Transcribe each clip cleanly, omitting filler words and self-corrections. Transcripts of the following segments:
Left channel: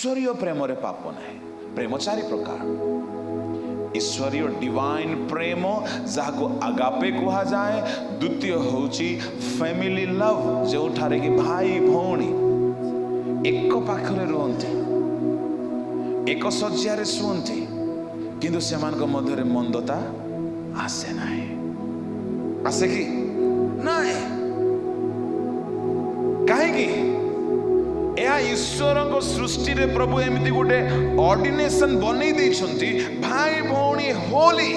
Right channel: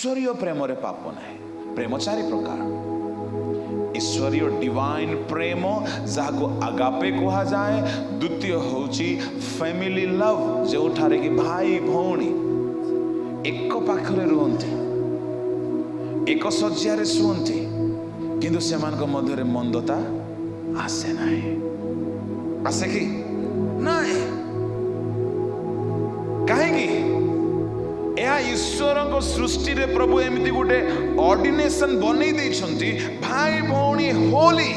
ईश्वरीय प्रेम रे पाप नहीं। प्रेम चारि प्रकार। ईश्वरीय डिवाइन प्रेम जहाको आगापे कहा जाए। द्वितीय होची फैमिली लव, जो ठारे कि भाई भौणी एक पाखरे रुहंती, एक शज्यारे शुअंती, किंतु सेमानक मध्यरे मंदता आसे नाही। आसे कि नाही? कहीं ईश्वर को सृष्टि रे प्रभु एमती गोटे ऑर्डिनेशन बनै दैछंती। भाई भौणी होली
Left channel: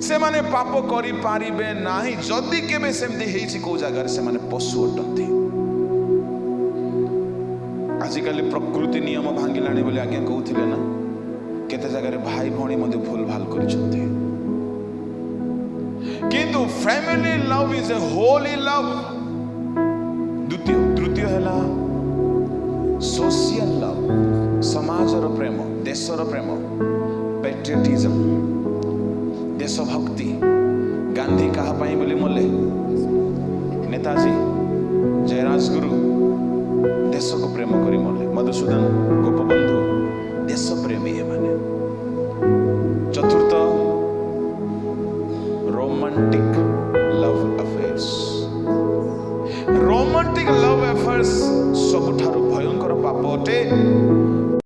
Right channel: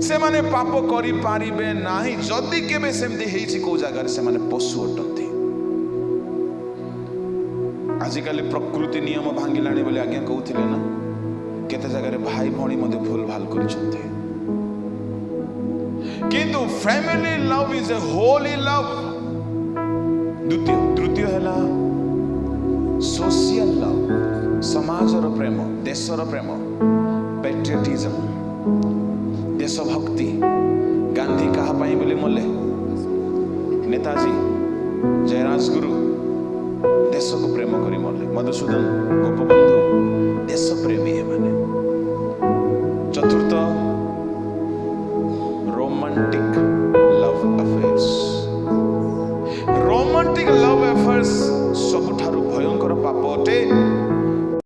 से माने पाप करि पारिबे नाही जदि केबे सेमती हेछि को जगह से माने पशु अटंती। आजिकल प्रकृति नियम भांगिलाणी बोली आज्ञा कहउथिले ना, केते जगह भाई भौणी मध्ये भूल भाल करिसंती। किंतु family love is a Holi love. तृतीय है सोशल लव, समाजर प्रेम, देशर प्रेम, पैट्रियटिज्म, देशभक्ति। गांधी कहा पाई बोली मले, नेताजी, जयराजगुरु देश को प्रेम करी मले, मधुसूदन गोपबंधु देश प्रेमी है माने। चतुर्थ romantic love affairs. Romantic love affairs सबुठारु भयंकर पाप अटे।